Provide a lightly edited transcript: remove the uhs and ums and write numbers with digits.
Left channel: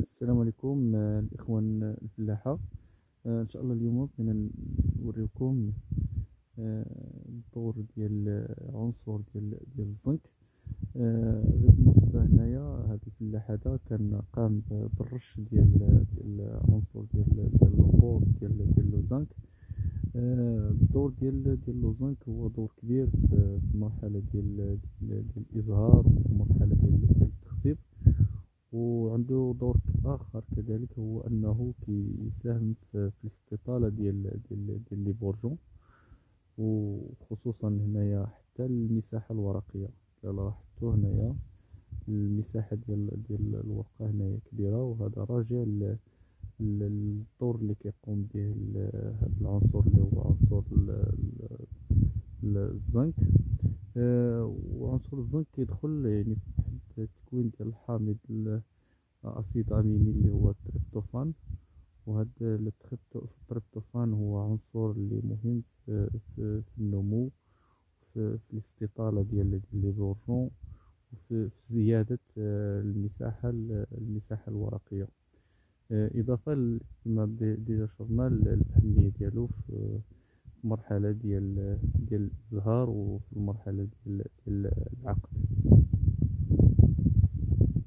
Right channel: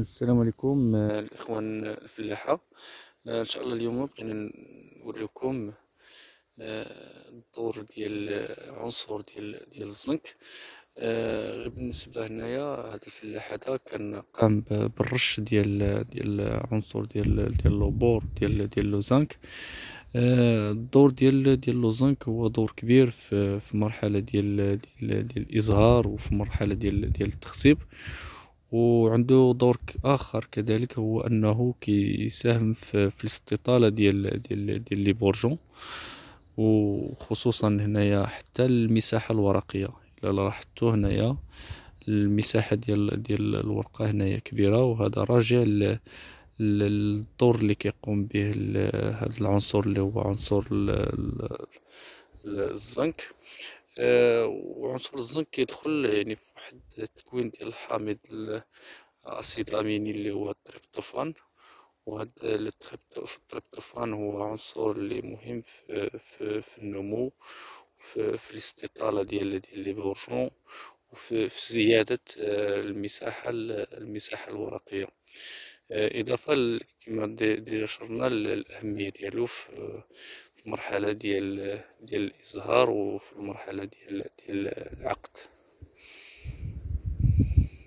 السلام عليكم، الإخوان الفلاحة. إن شاء الله اليوم بغينا نوريكم الدور ديال عنصر ديال الزنك. غير بالنسبة هنايا هاد الفلاح هذا كان قام بالرش ديال عنصر ديال لوبور ديال لوزانك. الدور ديال لوزانك هو دور كبير في مرحلة ديال الإزهار، وفي مرحلة ديال التخصيب. وعنده دور آخر كذلك، هو أنه كيساهم في الاستطالة ديال لي بورجون، وخصوصا هنايا حتى المساحة الورقية. إلا لاحظتو هنايا المساحة ديال الورقة هنايا كبيرة، وهذا راجع للدور اللي كيقوم به هذا العنصر اللي هو عنصر الزنك. وعنصر الزنك كيدخل يعني في واحد التكوين ديال الحامض الأسيد أميني اللي هو التريبتوفان. وهذا التريبتوفان هو عنصر اللي مهم في النمو، في الاستطالة ديال لي بورجون، وفي زيادة المساحة الورقية. إضافة كما ديجا شرنا الأهمية ديالو في المرحلة ديال الإزهار، وفي المرحلة ديال العقد.